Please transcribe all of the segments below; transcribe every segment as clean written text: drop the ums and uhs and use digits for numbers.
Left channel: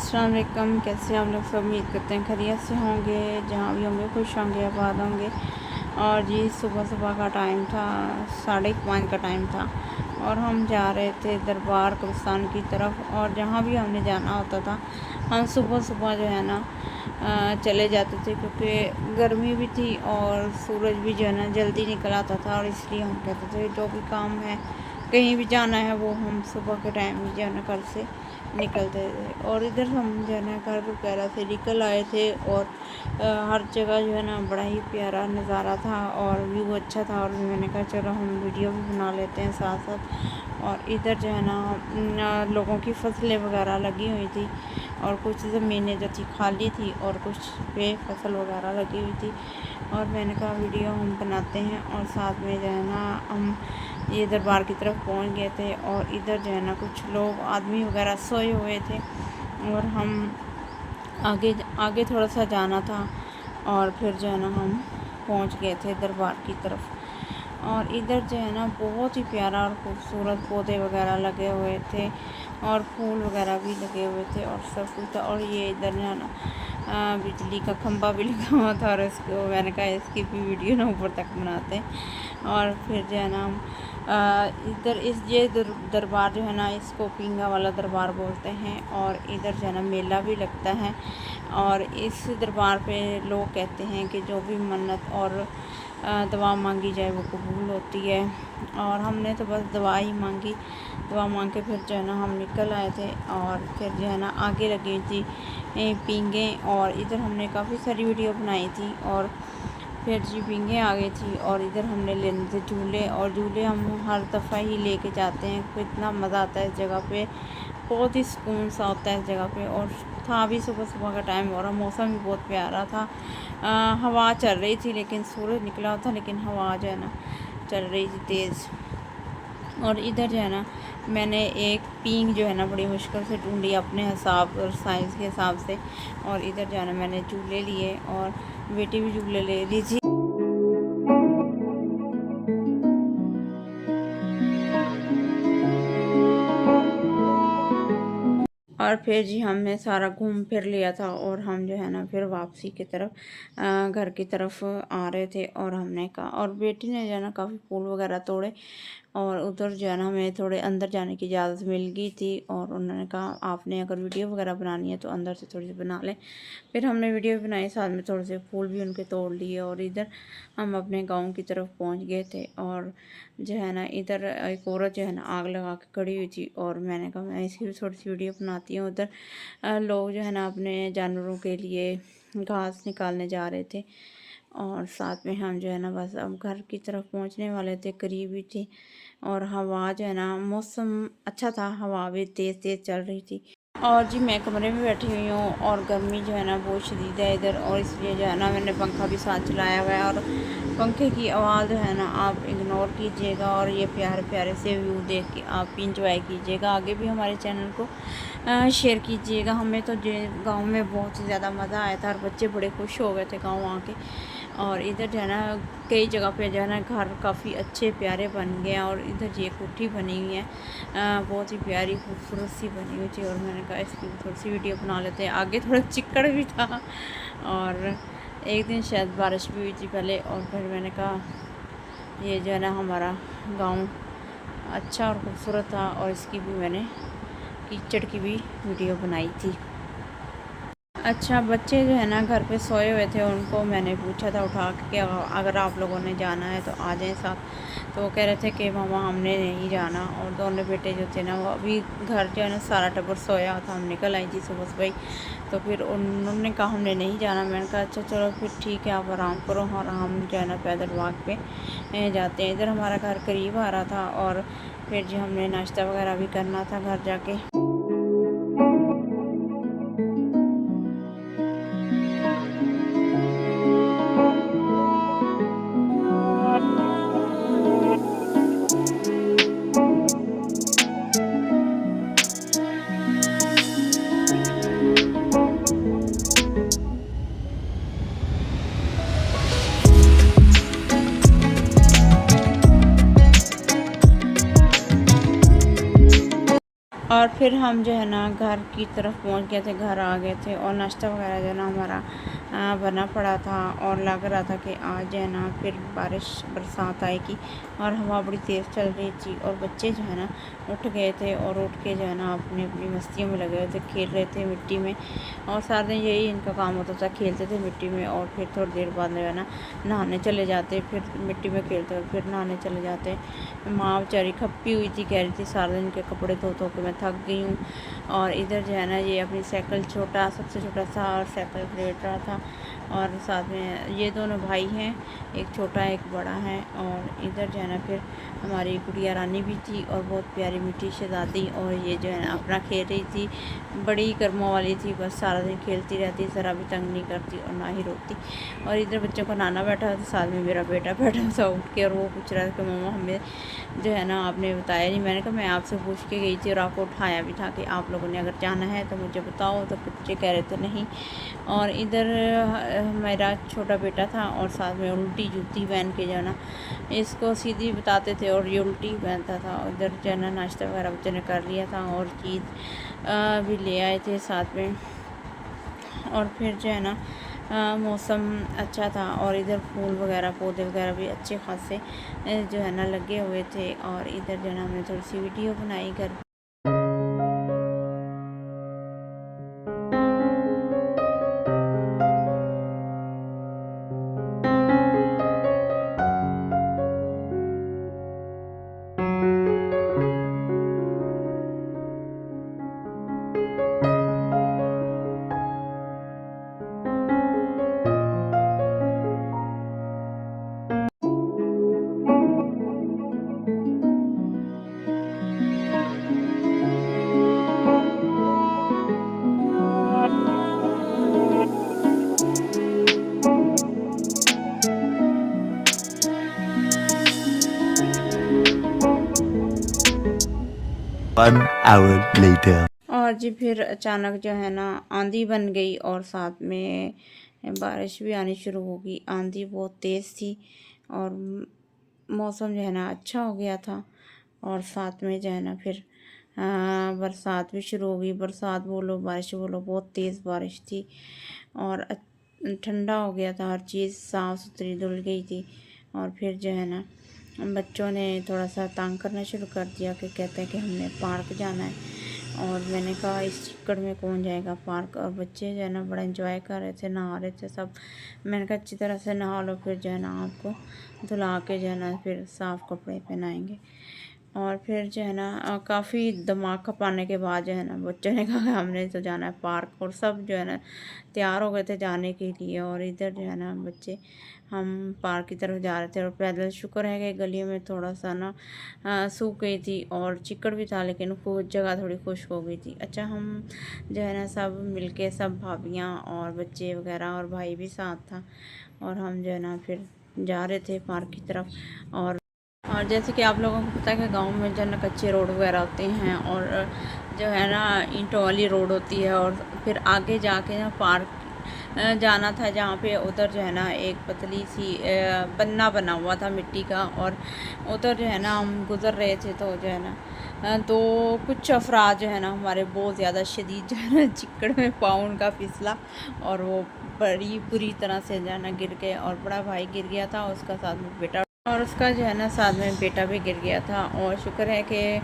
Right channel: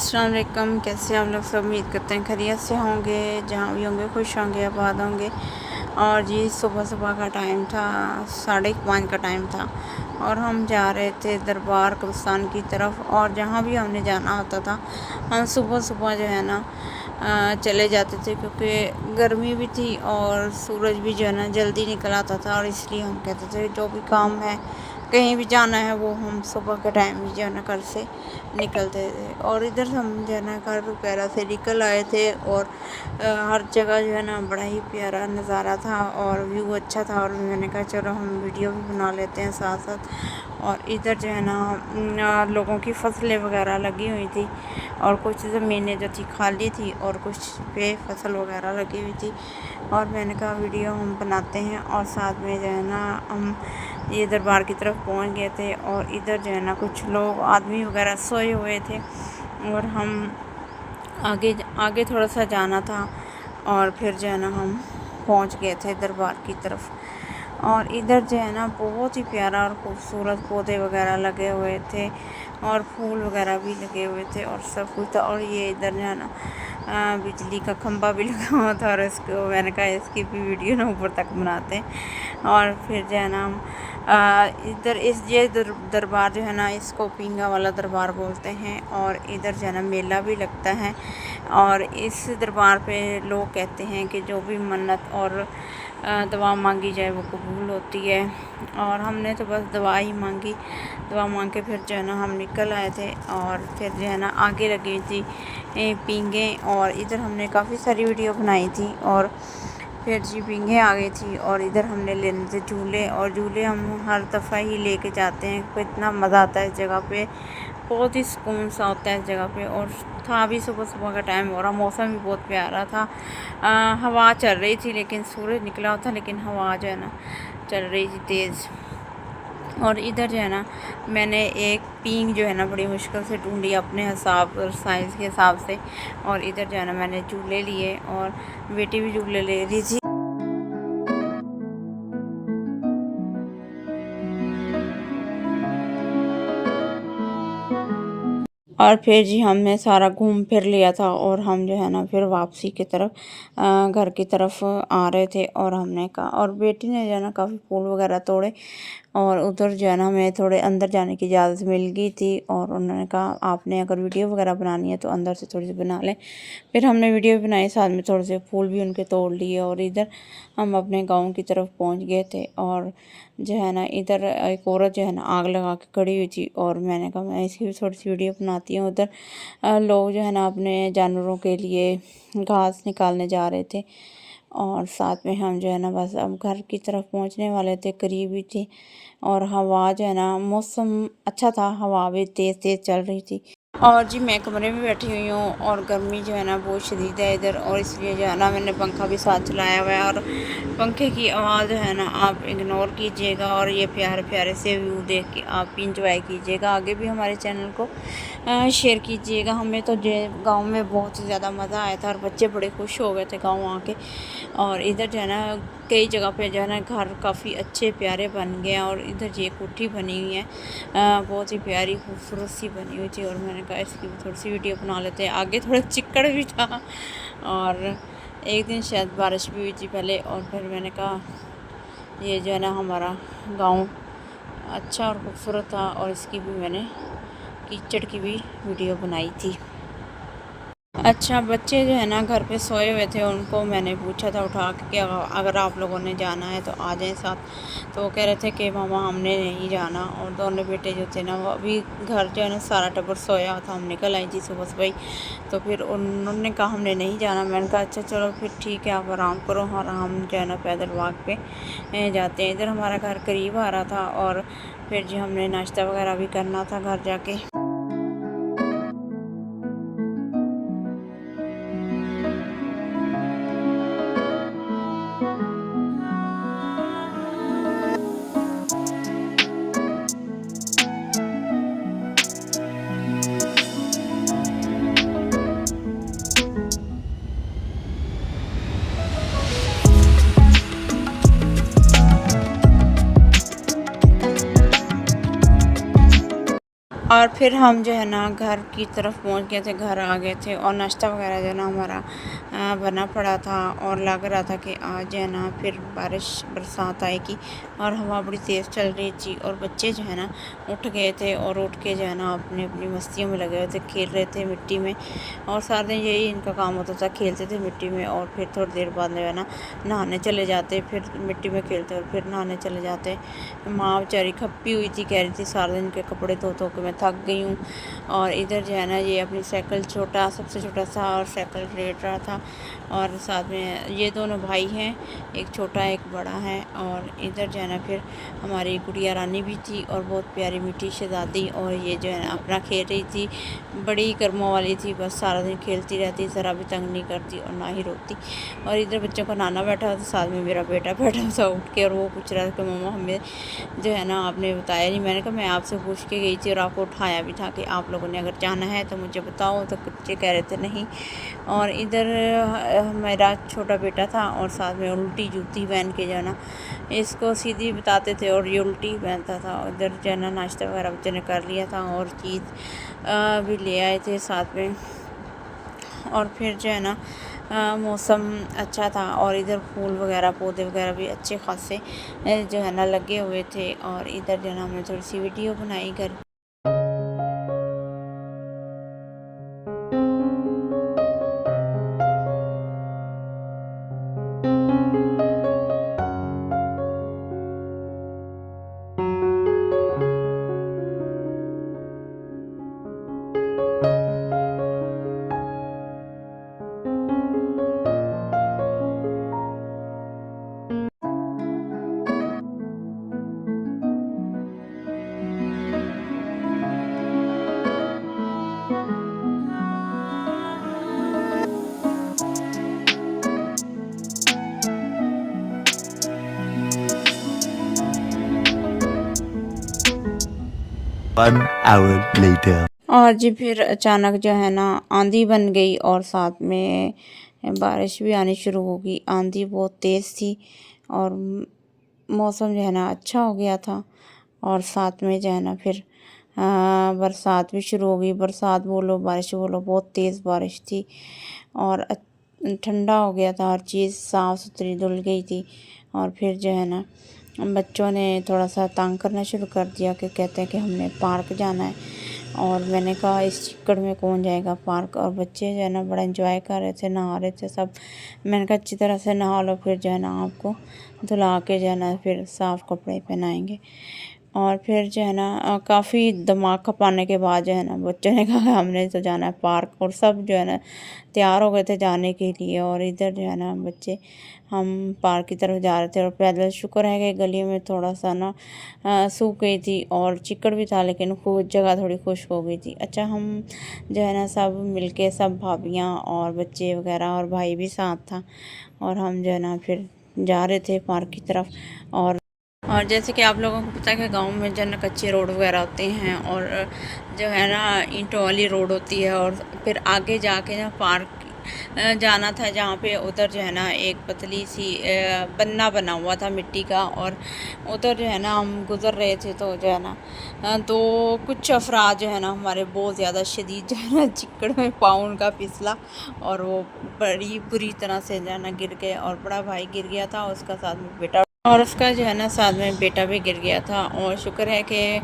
अस्सलाम वालेकुम। कैसे आप लोग सब? उम्मीद करते हैं खैरियत से होंगे, जहाँ भी होंगे खुश होंगे, आबाद होंगे। और जी सुबह सुबह का टाइम था, 5:30 का टाइम था और हम जा रहे थे दरबार कब्रिस्तान की तरफ। और जहाँ भी हमने जाना होता था हम सुबह सुबह जो है ना चले जाते थे, क्योंकि गर्मी भी थी और सूरज भी जो है ना जल्दी निकल आता था। और इसलिए हम कहते थे जो भी काम है, कहीं भी जाना है, वो हम सुबह के टाइम ही जो है ना घर से निकलते थे। और इधर हम जो है ना घर वगैरह से निकल आए थे और हर जगह जो है ना बड़ा ही प्यारा नज़ारा था और व्यू अच्छा था। और मैंने कहा चलो हम वीडियो भी बना लेते हैं साथ साथ। और इधर जो है ना लोगों की फसलें वगैरह लगी हुई थी और कुछ ज़मीनें जो थी खाली थी और कुछ पे फसल वगैरह लगी हुई थी। और मैंने कहा वीडियो हम बनाते हैं। और साथ में जो है ना हम ये दरबार की तरफ पहुंच गए थे और इधर जो है ना कुछ लोग आदमी वगैरह सोए हुए थे और हम आगे आगे थोड़ा सा जाना था। और फिर जो है ना हम पहुंच गए थे दरबार की तरफ। और इधर जो है ना बहुत ही प्यारा और खूबसूरत पौधे वगैरह लगे हुए थे और फूल वगैरह भी लगे हुए थे और सब कुछ था। और ये इधर जो है ना बिजली का खंभा भी लगा हुआ था और इसको मैंने कहा इसकी भी वीडियो ना ऊपर तक बनाते हैं। और फिर जो है ना हम इधर ये दरबार जो है ना इसको पींगा वाला दरबार बोलते हैं। और इधर जो है ना मेला भी लगता है और इस दरबार पे लोग कहते हैं कि जो भी मन्नत और दुआ मांगी जाए वो कबूल होती है। और हमने तो बस दुआ ही मांगी, दुआ मांग के फिर जो है ना हम निकल आए थे। और फिर जो है ना आगे लगी थी पींगे और इधर हमने काफ़ी सारी वीडियो बनाई थी। और फिर जी पींगे आ गई थी और इधर हमने लेने थे झूले। और झूले हम हर दफ़ा ही लेके जाते हैं, तो इतना मज़ा आता है इस जगह पे, बहुत ही सुकून सा होता है इस जगह पे। और था भी सुबह सुबह का टाइम और मौसम भी बहुत प्यारा था। हवा चल रही थी लेकिन सूरज निकला था, लेकिन हवा जो है ना चल रही थी तेज़। और इधर जो है ना मैंने एक पींग जो है ना बड़ी मुश्किल से ढूंढी अपने हिसाब और साइज़ के हिसाब से। और इधर जो है ना मैंने झूले लिए और बेटी भी झूले ले रही थी। और फिर जी हमने सारा घूम फिर लिया था और हम जो है ना फिर वापसी की तरफ घर की तरफ आ रहे थे। और हमने कहा, और बेटी ने जो है ना काफ़ी फूल वगैरह तोड़े और उधर जो है ना हमें थोड़े अंदर जाने की इजाज़त मिल गई थी। और उन्होंने कहा आपने अगर वीडियो वगैरह बनानी है तो अंदर से थोड़ी सी बना लें। फिर हमने वीडियो भी बनाई, साथ में थोड़े से फूल भी उनके तोड़ लिए। और इधर हम अपने गांव की तरफ पहुंच गए थे। और जो है ना इधर एक औरत जो है ना आग लगा के खड़ी हुई थी और मैंने कहा मैं इसकी भी थोड़ी सी वीडियो बनाती हूँ। उधर लोग जो है ना अपने जानवरों के लिए घास निकालने जा रहे थे। और साथ में हम जो है ना बस अब घर की तरफ पहुँचने वाले थे, करीब ही थे। और हवा जो है ना मौसम अच्छा था, हवा भी तेज़ तेज़ चल रही थी। और जी मैं कमरे में बैठी हुई हूँ और गर्मी जो है ना बहुत शदीद है इधर, और इसलिए जो है ना मैंने पंखा भी साथ चलाया हुआ है। और पंखे की आवाज़ जो है ना आप इग्नोर कीजिएगा और ये प्यारे प्यारे से व्यू देख के आप इंजॉय कीजिएगा। आगे भी हमारे चैनल को शेयर कीजिएगा। हमें तो जो गांव में बहुत ही ज़्यादा मज़ा आया था और बच्चे बड़े खुश हो गए थे गांव आके। और इधर जो है ना कई जगह पे जो है ना घर काफ़ी अच्छे प्यारे बन गए हैं। और इधर ये कोठी बनी हुई है, बहुत ही प्यारी खूबसूरत सी बनी हुई थी। और मैंने कहा इसकी भी थोड़ी सी वीडियो बना लेते हैं। आगे थोड़ा चिक्कड़ भी था और एक दिन शायद बारिश भी हुई थी पहले। और फिर मैंने कहा ये जो है ना हमारा गांव अच्छा और खूबसूरत था और इसकी भी मैंने कीचड़ की भी वीडियो बनाई थी। अच्छा, बच्चे जो है ना घर पे सोए हुए थे, उनको मैंने पूछा था उठा के कि अगर आप लोगों ने जाना है तो आ जाएं साथ। तो वो कह रहे थे कि मामा हमने नहीं जाना। और दोनों बेटे जो थे ना वो अभी घर जो है ना सारा टब्बर सोया था, हम निकल आई थी सुबह सुबह ही। तो फिर उन्होंने कहा हमने नहीं जाना। मैंने कहा अच्छा चलो फिर ठीक है, आप आराम करो। और हम जो है ना पैदल वॉक पे जाते हैं। इधर हमारा घर करीब आ रहा था और फिर जो हमने नाश्ता वगैरह भी करना था घर जाके। और फिर हम जो है ना घर की तरफ पहुंच गए थे, घर आ गए थे और नाश्ता वगैरह जो है ना हमारा बना पड़ा था और लग रहा था कि आज जो है ना फिर बरसात आएगी और हवा बड़ी तेज़ चल रही थी और बच्चे जो है ना उठ गए थे और उठ के जो है ना अपनी अपनी मस्तियों में लगे हुए थे, खेल रहे थे मिट्टी में। और सारा दिन यही इनका काम होता था, खेलते थे मिट्टी में और फिर थोड़ी देर बाद जो है ना नहाने चले जाते, फिर मिट्टी में खेलते और फिर नहाने चले जाते। माँ बेचारी खप्पी हुई थी, कह रही थी सारा दिन के कपड़े धो धो के मैं थक गई हूँ। और इधर जो है ना ये अपनी साइकिल सबसे छोटा सा और साइकिल रेड रहा था। और साथ में ये दोनों भाई हैं, एक छोटा एक बड़ा है। और इधर जो है ना फिर हमारी गुड़िया रानी भी थी और बहुत प्यारी मीठी शहज़ादी, और ये जो है ना अपना खेल रही थी, बड़ी कर्मों वाली थी, बस सारा दिन खेलती रहती, ज़रा भी तंग नहीं करती और ना ही रोती। और इधर बच्चों का नाना बैठा था, साथ में मेरा बेटा बैठा था उठ के, और वो पूछ रहा था कि मम्मा हमें जो है ना आपने बताया नहीं। मैंने कहा मैं आपसे पूछ के गई थी और आपको उठाया भी था कि आप लोगों ने अगर जाना है तो मुझे बताओ, तो बच्चे कह रहे थे नहीं। और इधर मेरा छोटा बेटा था और साथ में उल्टी जूती पहन के जो है ना इसको सीधी बताते थे और ये उल्टी पहनता था। इधर जो है ना नाश्ता वगैरह बच्चे ने कर लिया था और चीज़ भी ले आए थे साथ में। और फिर जो है ना मौसम अच्छा था और इधर फूल वगैरह पौधे वगैरह भी अच्छे खासे जो है ना लगे हुए थे। और इधर जो है ना हमने थोड़ी सी वीडियो बनाई घर। 1 hour later. और जी फिर अचानक जो है ना आंधी बन गई और साथ में बारिश भी आनी शुरू हो गई। आंधी बहुत तेज़ थी और मौसम जो है ना अच्छा हो गया था। और साथ में जो है ना फिर बरसात भी शुरू हो गई। बरसात बोलो बारिश बोलो, बहुत तेज़ बारिश थी और ठंडा हो गया था, हर चीज़ साफ़ सुथरी धुल गई थी। और फिर जो है ना बच्चों ने थोड़ा सा तंग करना शुरू कर दिया कि कहते हैं कि हमने पार्क जाना है। और मैंने कहा इस चिक्कड़ में कौन जाएगा पार्क। और बच्चे जो है ना बड़ा एंजॉय कर रहे थे, नहा रहे थे सब। मैंने कहा अच्छी तरह से नहा लो, फिर जो है ना आपको धुला के जो है ना फिर साफ़ कपड़े पहनाएंगे। और फिर जो है ना काफ़ी दिमाग खपाने के बाद जो है ना बच्चों ने कहा हमने तो जाना है पार्क। और सब जो है ना तैयार हो गए थे जाने के लिए। और इधर जो है ना बच्चे हम पार्क की तरफ जा रहे थे और पैदल, शुक्र है कि गली में थोड़ा सा ना सूख गई थी और चिकड़ भी था, लेकिन जगह थोड़ी खुश्क हो गई थी। अच्छा हम जो है ना सब मिलके, सब भाभियाँ और बच्चे वगैरह और भाई भी साथ था, और हम जो है ना फिर जा रहे थे पार्क की तरफ। और जैसे कि आप लोगों को पता है कि गांव में जो है ना कच्चे रोड वगैरह होते हैं और जो है ना ईंटों वाली रोड होती है। और फिर आगे जाके ना पार्क जाना था जहाँ पे, उधर जो है ना एक पतली सी बन्ना बना हुआ था मिट्टी का। और उधर जो है ना हम गुज़र रहे थे तो जो है ना तो कुछ अफराद जो है ना हमारे बहुत ज़्यादा शदीद जो है ना चिक्कड़ में पाँव उनका फिसला और वो बड़ी बुरी तरह से जो है ना गिर गए। और बड़ा भाई गिर गया था, उसका साथ में बेटा, और उसका जो है ना साथ में बेटा भी गिर गया था। और शुक्र है कि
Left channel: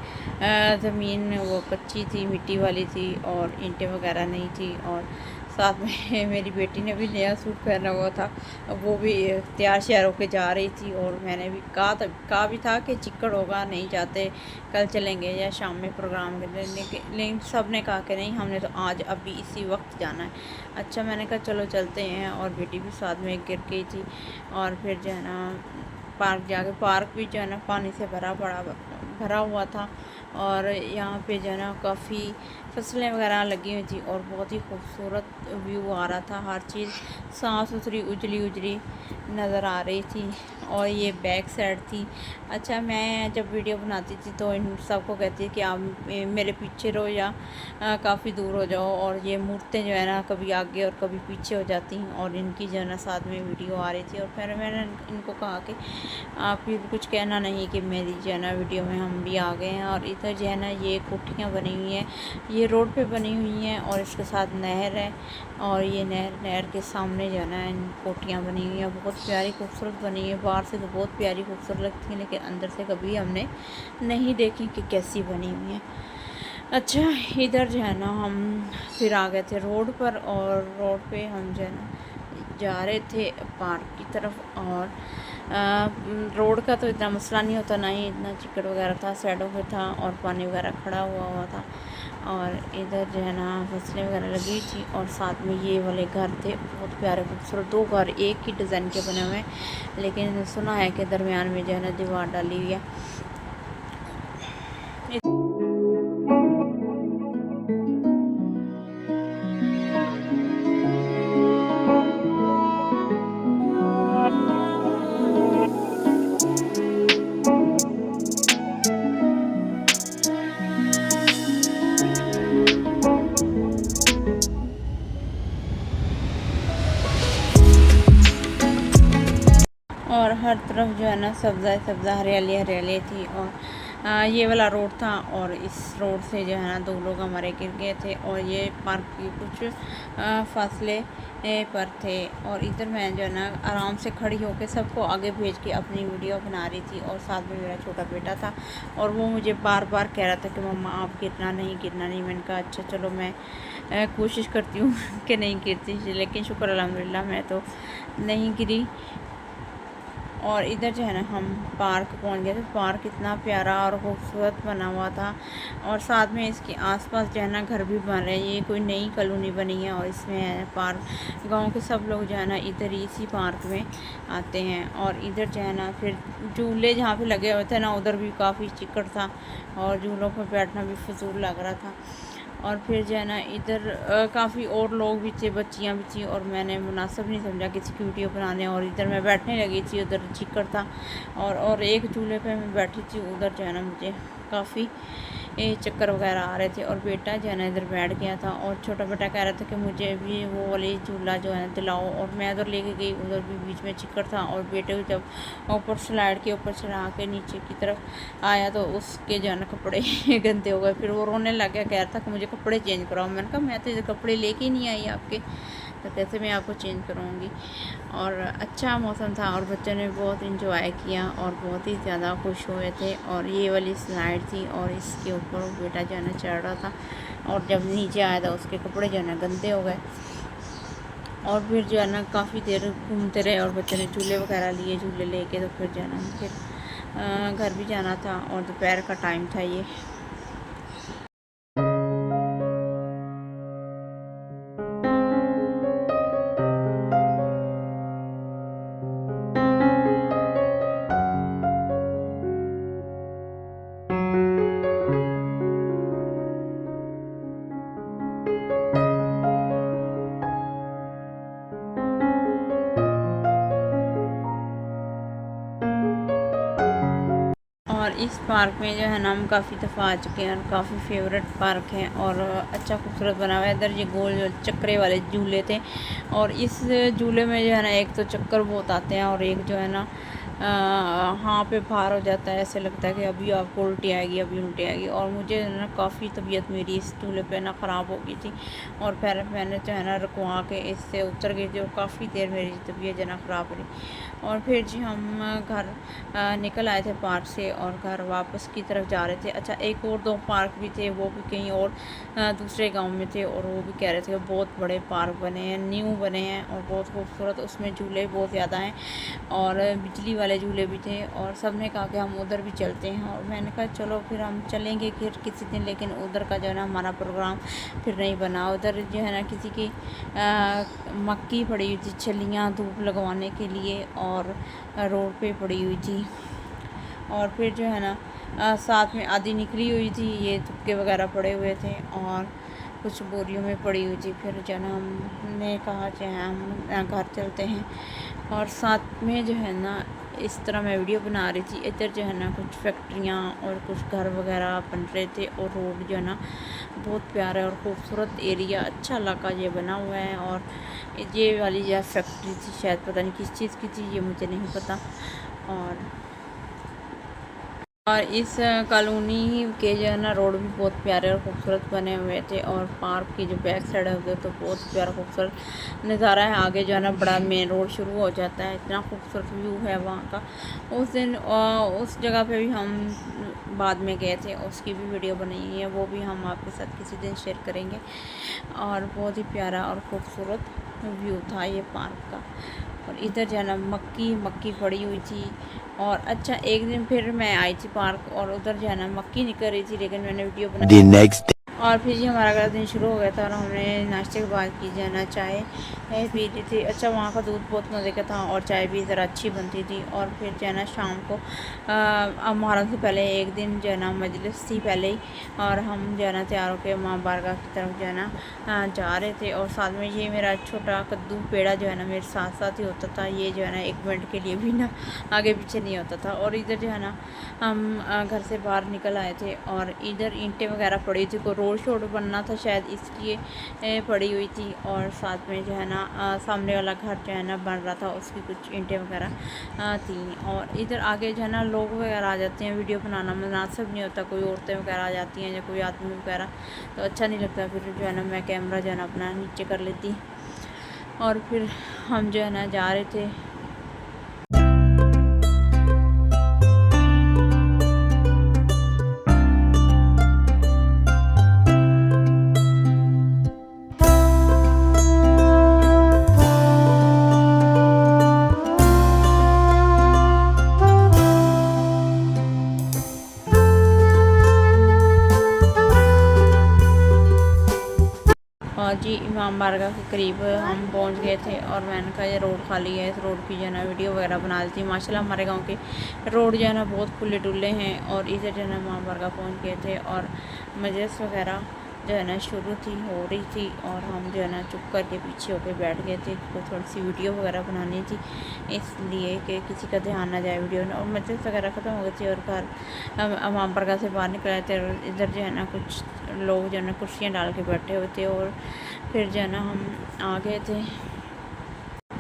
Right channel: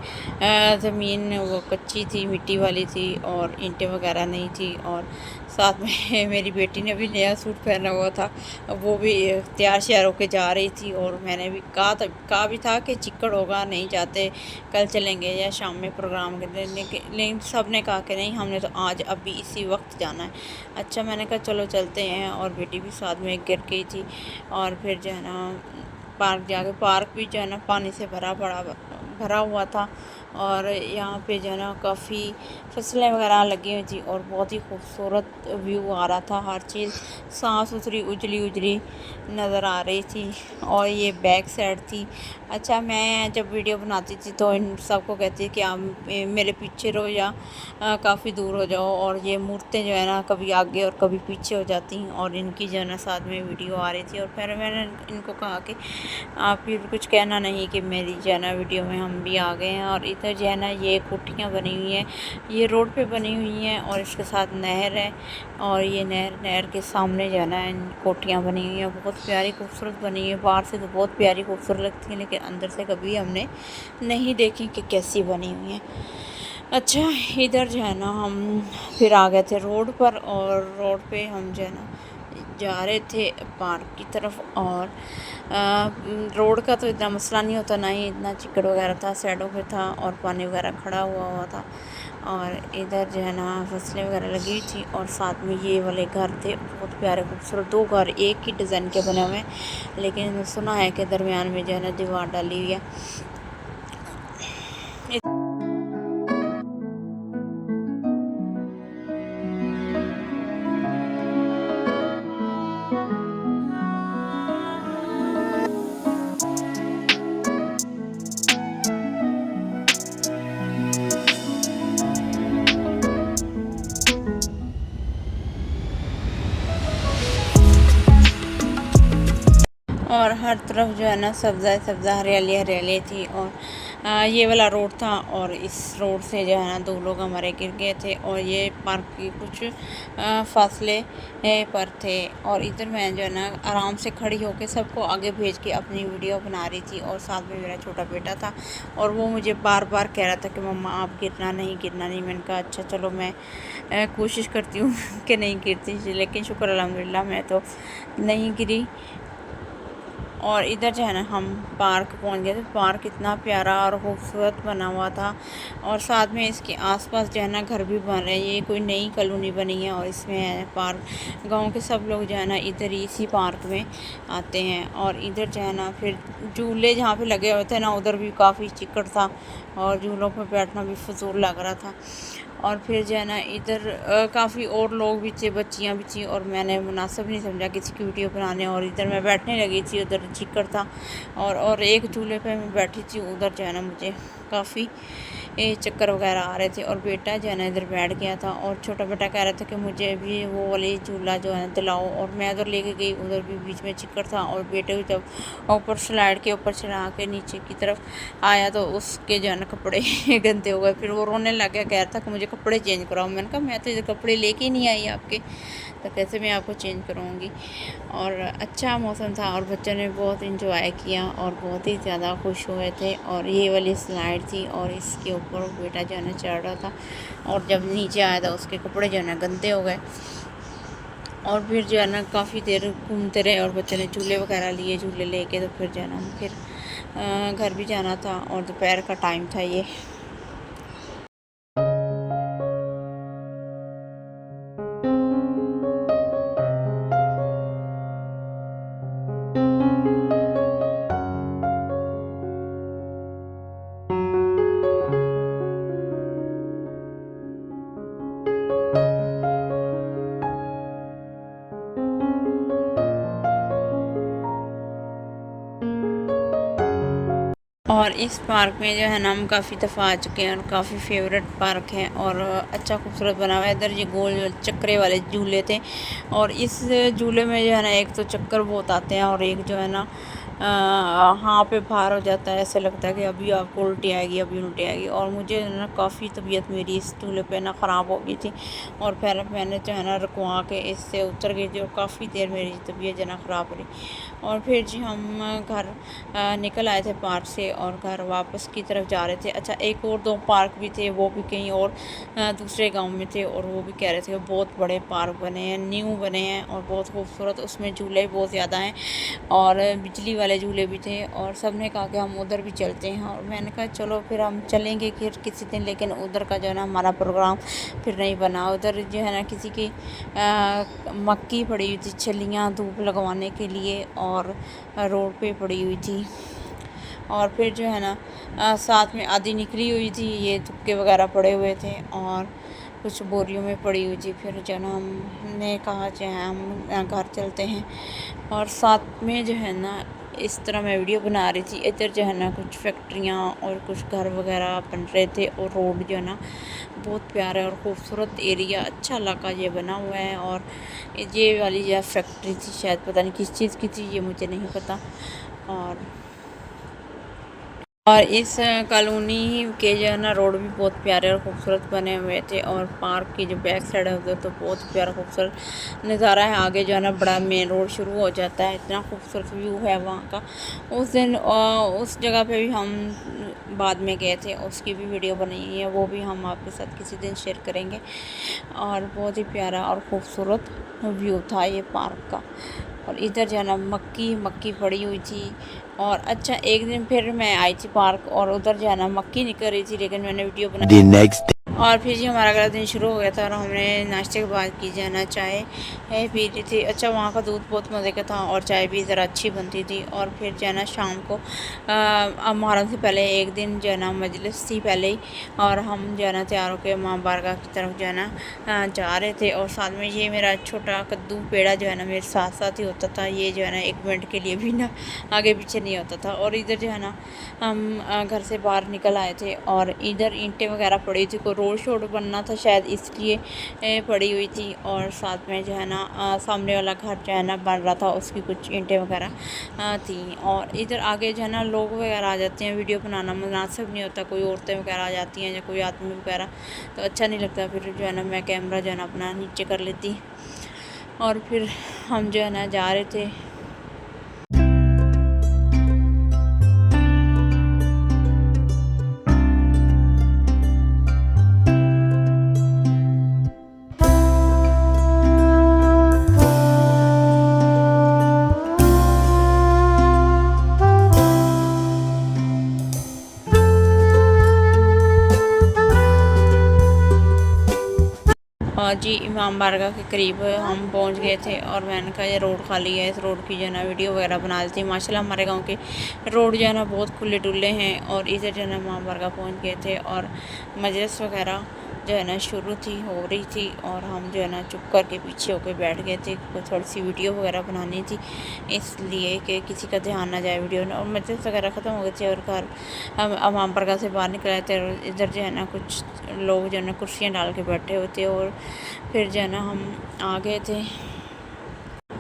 ज़मीन वो कच्ची थी, मिट्टी वाली थी और ईंटें वगैरह नहीं थी। और साथ में मेरी बेटी ने भी नया सूट पहना हुआ था, वो भी तैयार श्यार होकर जा रही थी। और मैंने भी कहा भी था कि चिक्कड़ होगा, नहीं जाते, कल चलेंगे या शाम में प्रोग्राम करने, लेकिन सब ने कहा कि नहीं हमने तो आज अभी इसी वक्त जाना है। अच्छा मैंने कहा चलो चलते हैं, और बेटी भी साथ में गिर गई थी। और फिर जो है ना पार्क जाके, पार्क भी जो है ना पानी से भरा हुआ था। और यहाँ पे जो है ना काफ़ी फसलें वगैरह लगी हुई थी और बहुत ही खूबसूरत व्यू आ रहा था। हर चीज़ साफ़ सुथरी उजली उजली नज़र आ रही थी। और ये बैक साइड थी। अच्छा, मैं जब वीडियो बनाती थी तो इन सबको कहती कि आप मेरे पीछे रहो या काफ़ी दूर हो जाओ। और ये मूर्तें जो है ना कभी आगे और कभी पीछे हो जाती हैं और इनकी जो है ना साथ में वीडियो आ रही थी। और फिर मैंने इनको कहा कि आप फिर कुछ कहना नहीं कि मेरी जो है ना वीडियो में हम भी आ गए हैं। और इधर जो है ना ये कोठियाँ बनी हुई हैं, ये रोड पे बनी हुई हैं और इसके साथ नहर है। और ये नहर के सामने जो है ना इन कोठियाँ बनी हुई हैं, बहुत प्यारी खूबसूरत बनी हुई है। बाहर से तो बहुत प्यारी खूबसूरत लगती है, लेकिन अंदर से कभी हमने नहीं देखी कि कैसी बनी हुई हैं। अच्छा, इधर जो है ना हम फिर आ गए थे रोड पर। और रोड पे हम जो है ना जा रहे थे पार्क की तरफ। और रोड का तो इतना मसला नहीं होता, ना ही इतना चिकड़ वगैरह था, साइडों पे था और पानी वगैरह खड़ा हुआ था। और इधर जो है ना फसलें वगैरह लगी थी और साथ में ये वाले घर थे, बहुत प्यारे खूबसूरत। 2 घर एक ही डिज़ाइन के बने हुए हैं, लेकिन सुना है कि दरमियान में जो है ना दीवार डाली हुई है। और हर तरफ जो है ना सब्ज़ा सब्ज़ा, हरियाली हरियाली थी। और ये वाला रोड था और इस रोड से जो है ना 2 लोग हमारे गिर गए थे। और ये पार्क की कुछ फासले पर थे। और इधर मैं जो है ना आराम से खड़ी होकर सबको आगे भेज के अपनी वीडियो बना रही थी। और साथ में मेरा छोटा बेटा था और वो मुझे बार बार कह रहा था कि मम्मा आप गिरना नहीं, गिरना नहीं। मैंने कहा अच्छा चलो, मैं कोशिश करती हूँ कि नहीं गिरती, लेकिन शुक्र अल्हम्दुलिल्लाह मैं तो नहीं गिरी। और इधर जो है ना हम पार्क पहुंच गए। तो पार्क इतना प्यारा और खूबसूरत बना हुआ था। और साथ में इसके आसपास जो है ना घर भी बन रहे हैं। ये कोई नई कॉलोनी बनी है और इसमें है पार्क। गांव के सब लोग जो है ना इधर इसी पार्क में आते हैं। और इधर जो है ना फिर झूले जहाँ पे लगे हुए थे ना, उधर भी काफ़ी चिकड़ था और झूलों पर बैठना भी फजूल लग रहा था। और फिर जो है ना इधर काफ़ी और लोग भी थे, बच्चियाँ भी थी। और मैंने मुनासिब नहीं समझा किसी की वीडियो बनाने, और इधर मैं बैठने लगी थी, उधर चिकड़ था। और एक झूले पे मैं बैठी थी, उधर जो है ना मुझे काफ़ी चक्कर वगैरह आ रहे थे। और बेटा जो है ना इधर बैठ गया था और छोटा बेटा कह रहा था कि मुझे भी वो वाली झूला जो है दिलाओ। और मैं उधर लेके गई, उधर भी बीच में चिकड़ था। और बेटे को जब ऊपर स्लाइड के ऊपर चढ़ा के नीचे की तरफ आया तो उसके जो है ना कपड़े गंदे हो गए। फिर वो रोने लग गया, कह रहा था कि मुझे कपड़े चेंज कराओ। मैंने कहा मैं तो ये कपड़े लेके ही नहीं आई आपके, तो कैसे मैं आपको चेंज कराऊंगी। और अच्छा मौसम था और बच्चों ने बहुत इंजॉय किया और बहुत ही ज़्यादा खुश हुए थे। और ये वाली स्लाइड थी और इसके ऊपर वो बेटा जो है ना चढ़ रहा था। और जब नीचे आया था उसके कपड़े जो है ना गंदे हो गए। और फिर जो है ना काफ़ी देर घूमते रहे और बच्चों ने झूले वगैरह लिए, झूले लेके तो फिर जो है ना फिर घर भी जाना था और दोपहर का टाइम था ये। और इस पार्क में जो है ना हम काफ़ी दफ़ा आ चुके हैं और काफ़ी फेवरेट पार्क है और अच्छा खूबसूरत बना हुआ है। इधर ये गोल चक्करे वाले झूले थे और इस झूले में जो है ना एक तो चक्कर बहुत आते हैं और एक जो है ना हाँ पे भार हो जाता है। ऐसे लगता है कि अभी आपको उल्टी आएगी, अभी उल्टी आएगी। और मुझे ना काफ़ी तबीयत मेरी इस झूले पे ना ख़राब हो गई थी और फिर मैंने जो है ना रुकवा के इससे उतर गई थी और काफ़ी देर मेरी तबीयत जो है ना ख़राब रही। और फिर जी हम घर निकल आए थे पार्क से और घर वापस की तरफ जा रहे थे। अच्छा, एक और 2 पार्क भी थे, वो भी कहीं और दूसरे गांव में थे और वो भी कह रहे थे कि बहुत बड़े पार्क बने हैं, न्यू बने हैं और बहुत खूबसूरत, उसमें झूले भी बहुत ज़्यादा हैं और बिजली वाले झूले भी थे। और सब ने कहा कि हम उधर भी चलते हैं और मैंने कहा चलो फिर हम चलेंगे फिर किसी दिन। लेकिन उधर का जो है ना हमारा प्रोग्राम फिर नहीं बना। उधर जो है ना किसी की मक्की पड़ी हुई थी, छलियाँ धूप लगवाने के लिए और रोड पे पड़ी हुई थी। और फिर जो है ना साथ में आधी निकली हुई थी, ये तुक्के वगैरह पड़े हुए थे। और कुछ बोरियों में पड़ी हुई थी। फिर जो है ना हमने कहा जो है हम घर चलते हैं। और साथ में जो है ना इस तरह मैं वीडियो बना रही थी, इधर जो है ना कुछ फैक्ट्रियाँ और कुछ घर वगैरह बन रहे थे। और रोड जो है ना बहुत प्यारा और ख़ूबसूरत एरिया, अच्छा इलाका ये बना हुआ है। और ये वाली यह फैक्ट्री थी, शायद पता नहीं किस चीज़ की थी, ये मुझे नहीं पता। और इस कॉलोनी के जो है ना रोड भी बहुत प्यारे और ख़ूबसूरत बने हुए थे। और पार्क की जो बैक साइड है तो बहुत प्यारा खूबसूरत नज़ारा है। आगे जो है ना बड़ा मेन रोड शुरू हो जाता है, इतना खूबसूरत व्यू है वहाँ का। उस दिन उस जगह पे भी हम बाद में गए थे, उसकी भी वीडियो बनी है, वो भी हम आपके साथ किसी दिन शेयर करेंगे। और बहुत ही प्यारा और ख़ूबसूरत व्यू था ये पार्क का। और इधर जो है ना मक्की पड़ी हुई थी। और अच्छा एक दिन फिर मैं आई थी पार्क और उधर जो है ना मक्की निकल रही थी, लेकिन मैंने वीडियो The बनाया। next और फिर जी हमारा अगला दिन शुरू हो गया था और हमने नाश्ते के बाद की जो है ना चाय पी ली थी। अच्छा वहाँ का दूध बहुत मज़े का था और चाय भी ज़रा अच्छी बनती थी। और फिर जो है ना शाम को मुहर्रम से पहले एक दिन जो है ना मजलिस थी पहले ही, और हम जो है ना तैयार होकर माँ बारगाह की तरफ जो है ना जा रहे थे। और साथ में ये मेरा छोटा कद्दू पेड़ा जो है ना मेरे साथ साथ ही होता था, ये जो है ना एक मिनट के लिए भी ना आगे पीछे नहीं होता था। और इधर जो है ना हम घर से बाहर निकल आए थे और इधर ईंटें वगैरह पड़ी थी, कोई रोड शोड बनना था शायद इसलिए पड़ी हुई थी। और साथ में जो है ना सामने वाला घर जो है ना बन रहा था, उसकी कुछ ईंटें वगैरह थी। और इधर आगे जो है ना लोग वगैरह आ जाते हैं, वीडियो बनाना मुनासिब नहीं होता, कोई औरतें वगैरह आ जाती हैं या कोई आदमी वगैरह, तो अच्छा नहीं लगता। फिर जो है ना मैं कैमरा जो है ना अपना नीचे कर लेती। और फिर हम जो है ना जा रहे थे। और जी इमाम बारगाह के करीब हम पहुंच गए थे और मैंने कहा ये रोड खाली है, इस रोड की जो है ना वीडियो वगैरह बना दी थी। माशाल्लाह हमारे गांव के रोड जो है ना बहुत खुले डुले हैं। और इधर जो है ना इमाम बारगाह पहुंच गए थे और मजलिस वगैरह जो है ना शुरू हो रही थी। और हम जो है ना चुप करके पीछे होकर बैठ गए थे, कोई थोड़ी सी वीडियो वगैरह बनानी थी इसलिए कि किसी का ध्यान ना जाए वीडियो में। और मजलिस वगैरह ख़त्म हो गई थी और घर इमाम बारगाह से बाहर निकल आए थे। और इधर जो है ना कुछ लोग जो है ना कुर्सियाँ डाल के बैठे हुए थे और फिर जो है ना हम आ गए थे।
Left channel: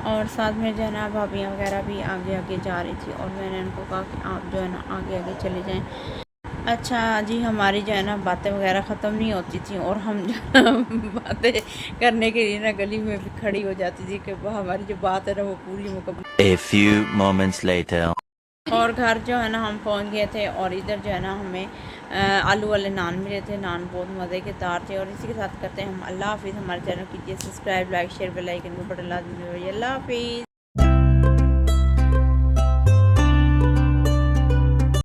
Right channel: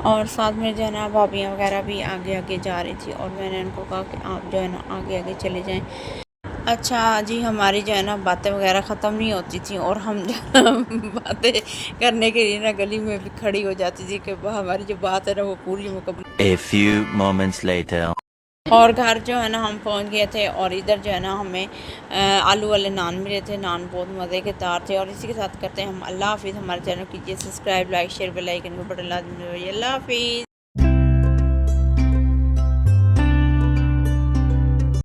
और साथ में जो है ना भाभियाँ वगैरह भी आगे आगे जा रही थी और मैंने उनको कहा कि आप जो है ना आगे आगे चले जाएं। अच्छा जी हमारी जो है ना बातें वगैरह ख़त्म नहीं होती थी और हम जो है ना बातें करने के लिए ना गली में भी खड़ी हो जाती थी कि हमारी जो बात है ना वो पूरी मुकम्मल। A few moments later. और घर जो है ना हम पहुंच गए थे और इधर जो है ना हमें आलू वाले नान मिले थे। नान बहुत मज़े के दार थे। और इसी के साथ करते हैं हम अल्लाह हाफिज़। हमारे चैनल कीजिए subscribe, like, share, bell icon को बटन लाजमी दबाइए। अल्लाह हाफिज़।